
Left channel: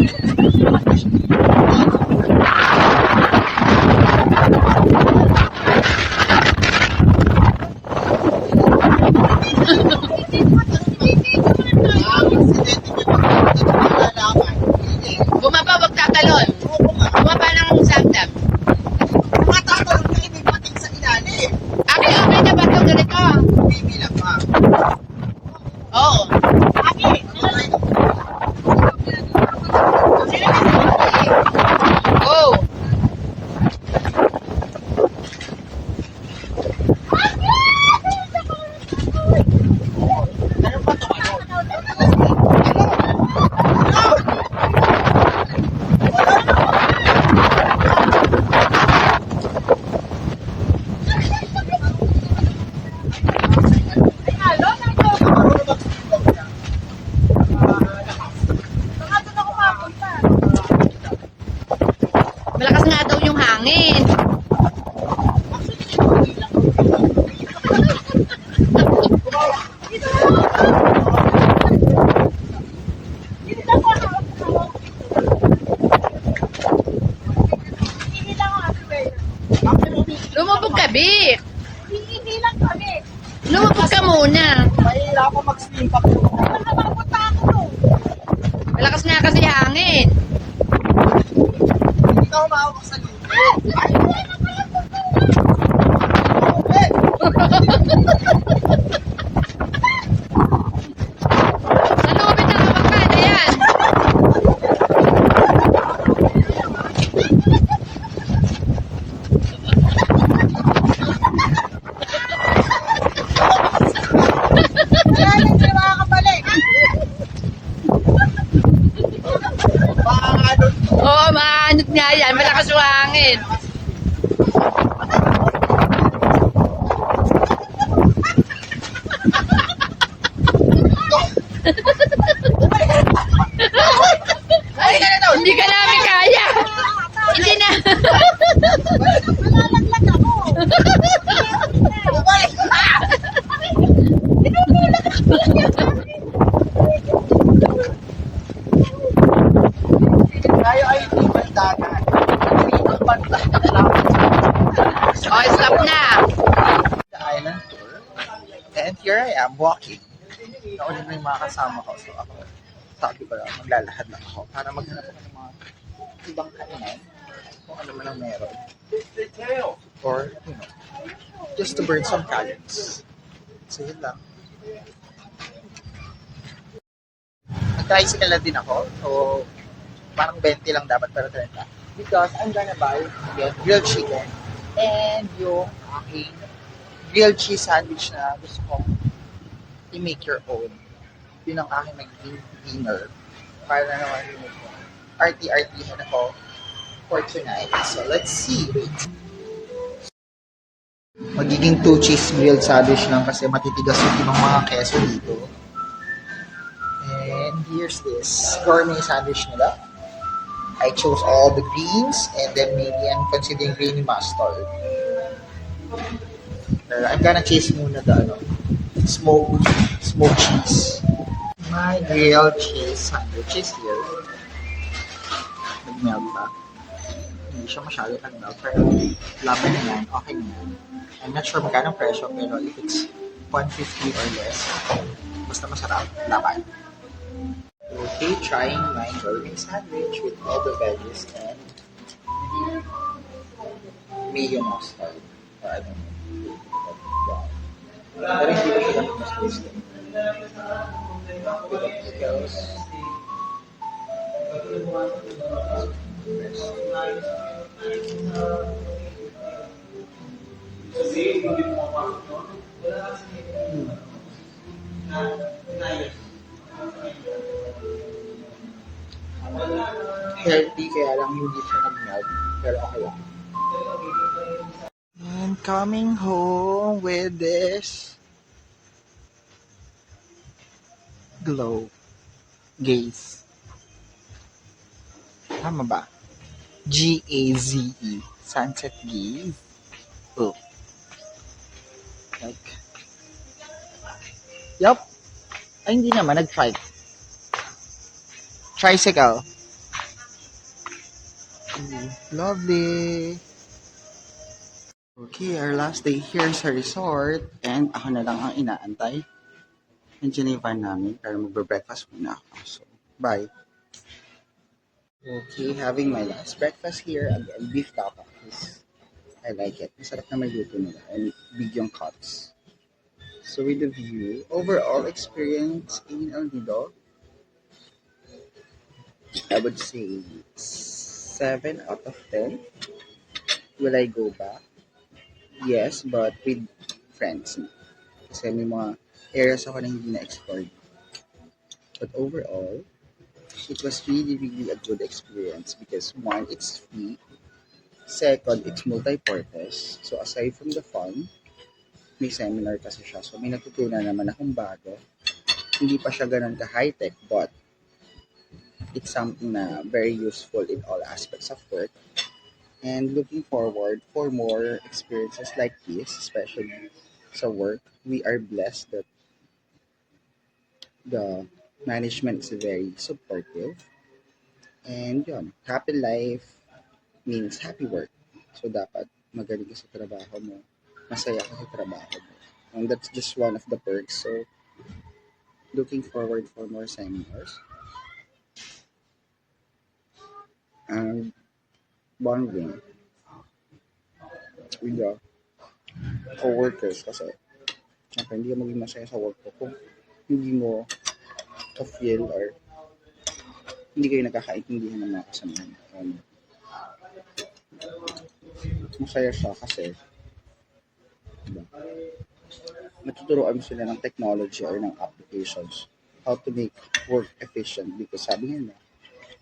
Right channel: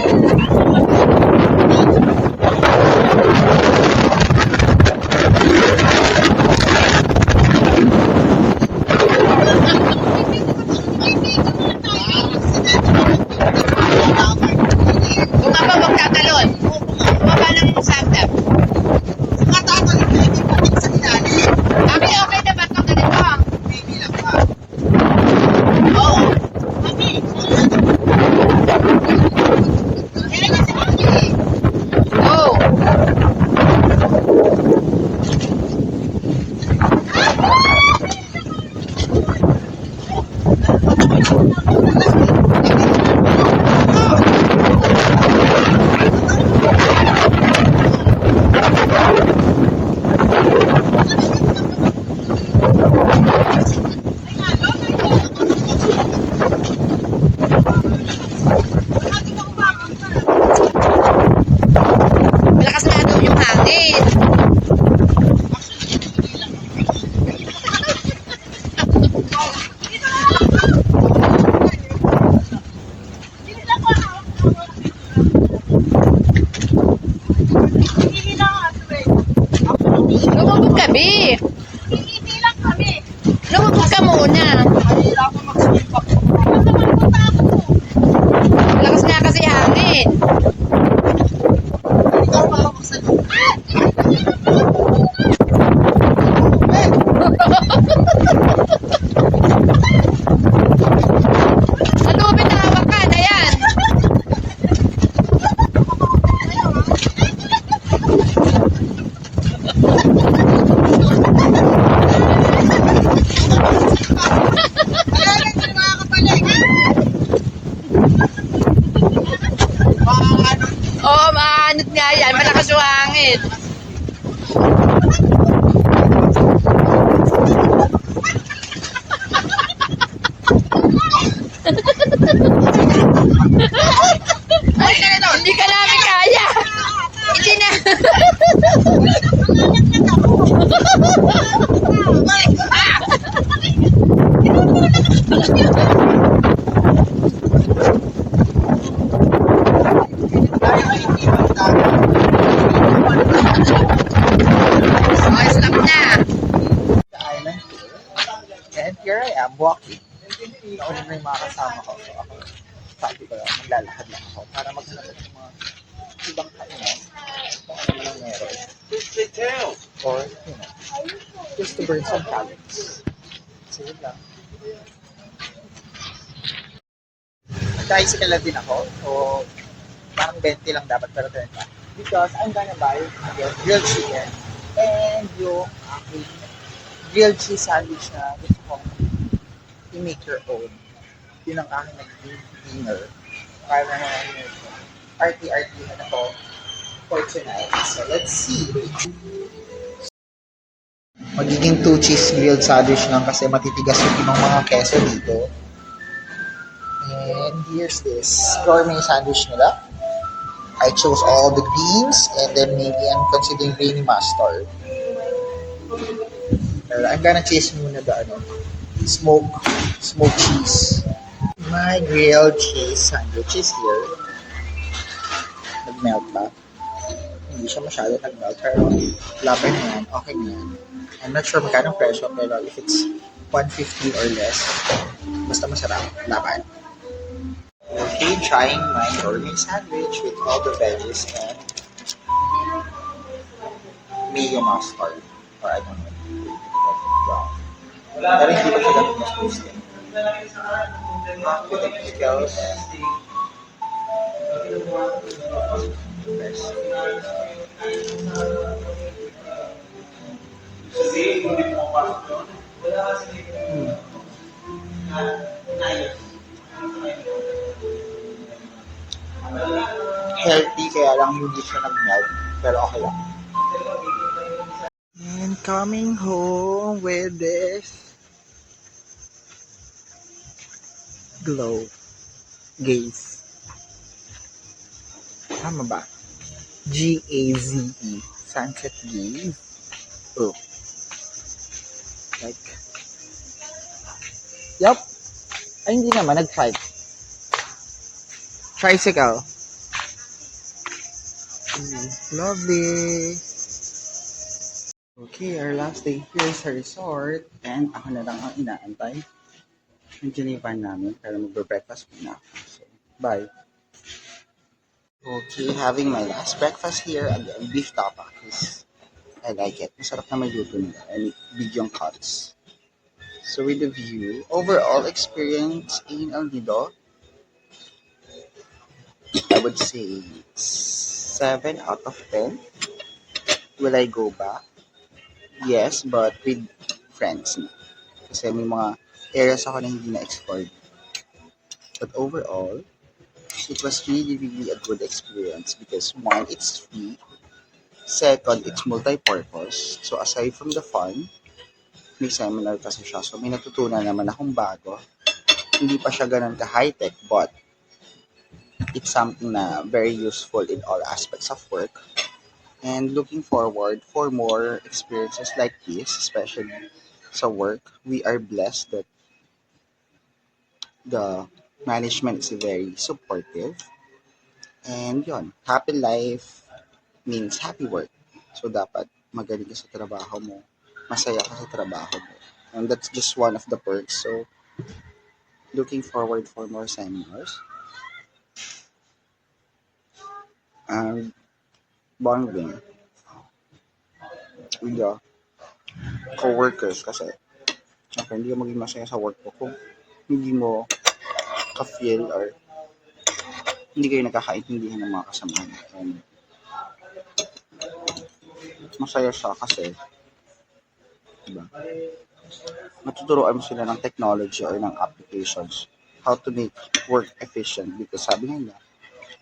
Bumaba, wag tatalon. Bumaba ng sagdap. Matatalit na hindi patik sa ilalim. Okay, okay na ba ito? Ganito. Bibilang pa. Oo. Go. Malakas nga daw yung hangin. Lumubog ka, Bi. Hindi lang kami. Lumubog ka muna. Mahirapan mag-swim pa po. Punta ako. Malakas nga kasi hangin. Ikaw makakak sa loob. Sa lubid na hawakan. Ayan. Wala lang sila makakabalik. Makakadon. Oo, maanit nga yan. Malakas yung hangin. Hindi ka namin kaya. Hindi na. Malalaglag ako. Tayo ay hindi man tayo. Okay, stop na. The island tour. And here I am walking. Nauna na yung mga kasama ko. So ako, sabi ko lang, maglalakad lang ako para maghanap ako ng mga ibang kainan. Kung ano man ang meron. Or, you know, just to burn some calories. So yun lang. Tricycle na din ako. So, parang 20 lang dapat pero 30. Because I'm gonna buy again grilled chicken and yung aking grilled cheese sandwich na gusto kong i-make your own. Yun ang aking naging dinner. Para na naman yung RT-RT na ako for tonight. So, let's see. Magiging 2 cheese grilled sandwich lang kasi matitigas yung ibang mga keso dito. And here's this gourmet sandwich nila. I chose all the greens and then maybe I'm considering green mustard. I'm gonna chase muna the smoked cheese. My grilled cheese sandwich is here. Nag-melt pa. Hindi siya masyado nag-melt pero laban na yan, okay na yan. I'm not sure magkano presyo pero if it's 150 or less, basta masarap, laban. Okay, trying my gourmet sandwich with all the veggies and mayo mustard. Or I don't know. Brown. Pero hindi ko siya dapat mas tasty. With the pickles. Nice. Healthy kaya lang hindi siya nag-melt. Pero okay lang. And coming home with this glow gaze. Tama ba? Gaze. Sunset gaze. Oh. Like, yup. Ay, hindi naman. Nag-trike. Tricycle. Lovely. Okay, our last day here sa resort. And ako na lang ang inaantay. Nandiyan na yung van namin. Pero magbe-breakfast muna ako. So, bye. Okay, having my last breakfast here. Again, beef tapas. I like it. Masarap na may luto nila. And big yung cuts. So with the view, overall experience in El Nido, I would say 7 out of 10. Will I go back? Yes, but with friends. Kasi may mga areas ako na hindi na-explore. But overall, it was really, really a good experience because one, it's free. Second, it's multi-purpose. So aside from the fun, may seminar kasi siya. So may natutunan naman akong bago. Hindi pa siya ganun ka-high-tech, but it's something na very useful in all aspects of work. And looking forward for more experiences like this, especially sa work. We are blessed that the management is very supportive. And yon, happy life means happy work. So dapat magaling ka sa trabaho mo, masaya ka sa trabaho mo. And that's just one of the perks. So looking forward for more seminars. And bonding with the co-workers kasi syempre hindi ka maging masaya sa work mo kung hindi mo ka-feel or hindi kayo nagkakaintindihan ng mga kasamahan. And masaya siya kasi diba, matuturuan mo sila ng technology or ng applications how to make work efficient because sabi nga nila,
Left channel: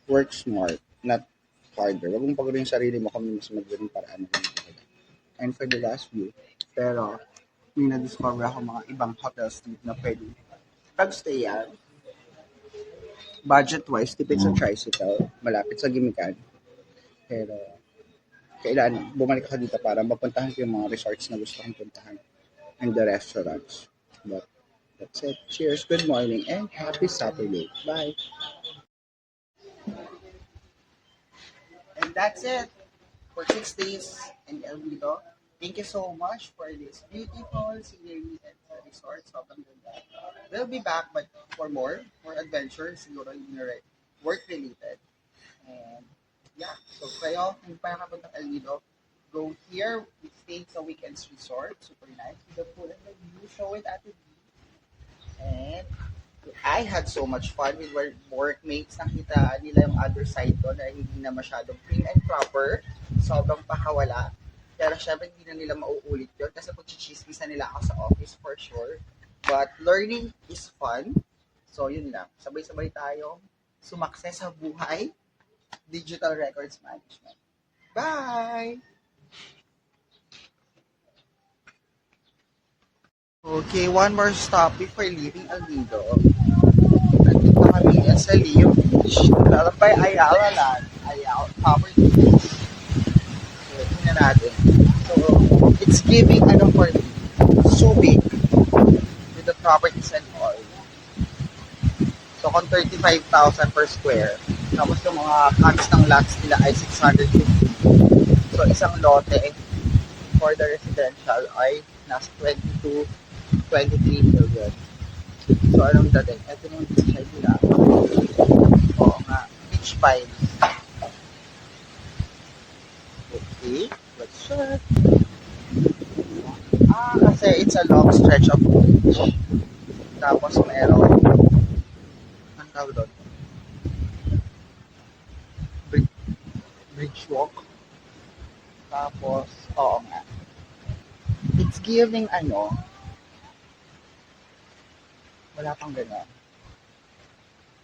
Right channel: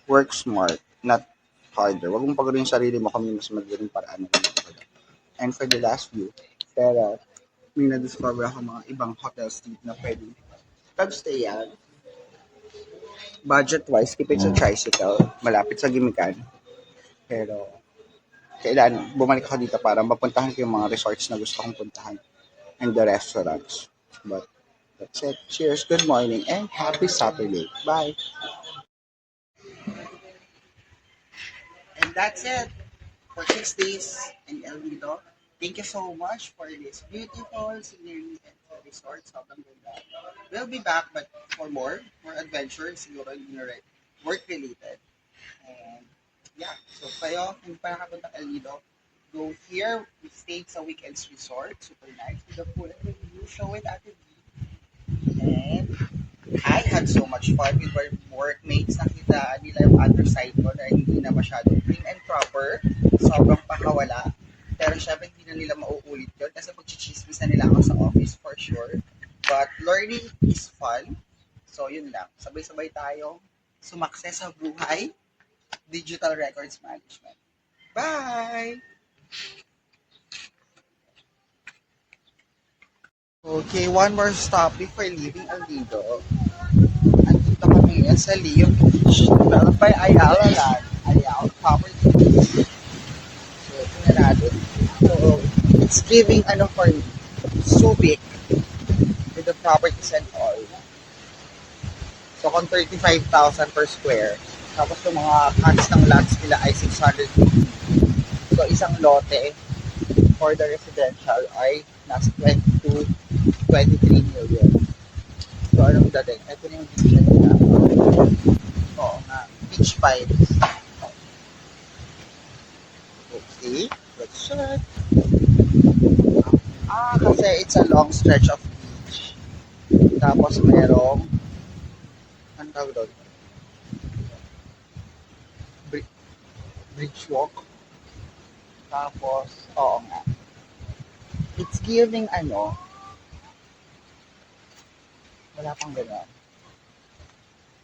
work smart, not harder. Huwag mong pagawin yung sarili mo kami mas magaling paraan ng mga. And for the last view, pero may na-discover ako mga ibang hotels dito na pwede pag-stay yan. Budget-wise, tipid sa tricycle, malapit sa Gimikan. Pero kailan bumalik ako dito para mapuntahan ko yung mga resorts na gusto kong puntahan and the restaurants. But that's it. Cheers, good morning, and happy Saturday. Bye. And that's it for 6 days in El Nido. Thank you so much for this beautiful scenery and resort. Sobrang ganda. We'll be back but for more adventures, siguro hindi na work-related. And yeah, so kayo, hindi pa nakapunta El Nido, go here. We stayed sa Weekends Resort. Super nice. With the pool and the view. Show it at the view. And I had so much fun with my workmates. Nakita nila yung other side ko na hindi na masyadong prim and proper. Sobrang pakawala. Pero syempre hindi na nila mauulit yun kasi pag-chismis na nila ako sa office for sure. But learning is fun. So yun lang. Sabay-sabay tayo sumakses sa buhay. Digital records management. Bye! Okay, one more stop before leaving El Nido. Andito kami sa Leo Beach. Developed by Ayala Land. Ayala Properties. So, tingnan natin. So, it's giving, for me, Subic with the properties and all. So, kung 35,000 per square. Tapos yung mga cuts ng lots nila ay 650. So, isang lote for the residential ay nasa 22 23 million. So, anong dating? Ito na yung beach nila. Oo nga. Beach vibes. Okay. Let's check. Kasi it's a long stretch of beach. Tapos merong anong tawag doon? Bridge walk. Tapos, oo nga. It's giving wala pang gano'n.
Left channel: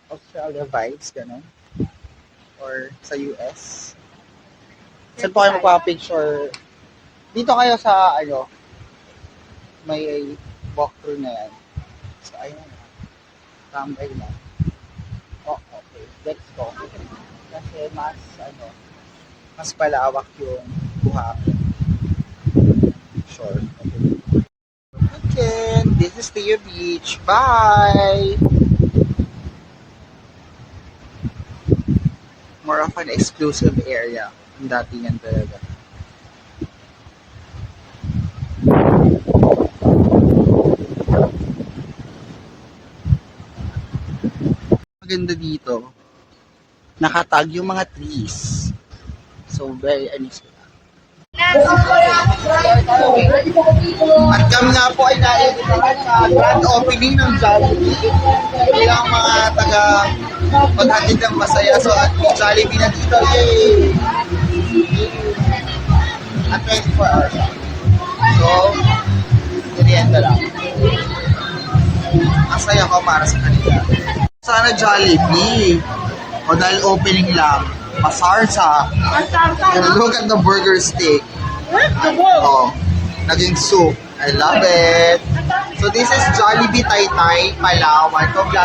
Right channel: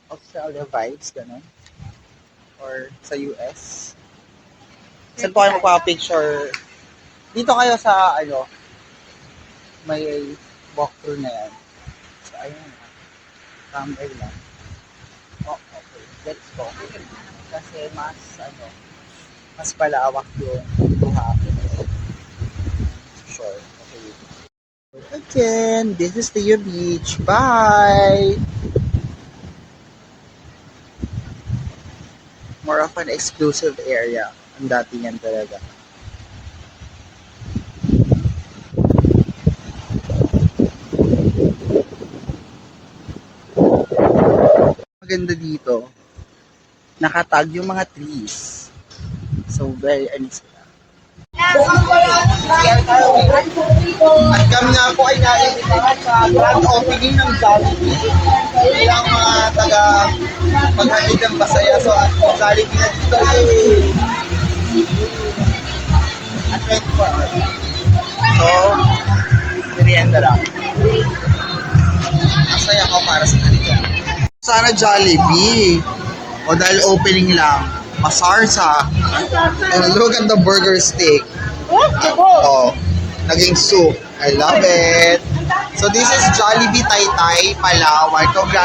Australia vibes, gano'n. Or sa US. Saan po kayo magpapicture? Dito kayo sa, may walkthrough na yan. So, ayun. Tambay lang. Oh, okay. Let's go. Kasi mas palawak yung buhangin. Sure. Okay. again. This is Teo Beach. Bye! More of an exclusive area. Ang datingan talaga. Maganda dito. Nakatag yung mga trees. So, very, sila. At kami nga po ay naimbitahan sa grand opening ng Jollibee bilang mga taga maghatid ng masaya. So at Jollibee na dito, yay! At 24 hours. So, merienda lang. Masaya ko para sa kanila. Sana Jollibee. O dahil opening lang, masarsa. And look at the burger steak. Oh, naging soup. I love it. So this is Jollibee Taytay, Palawan. Congrats.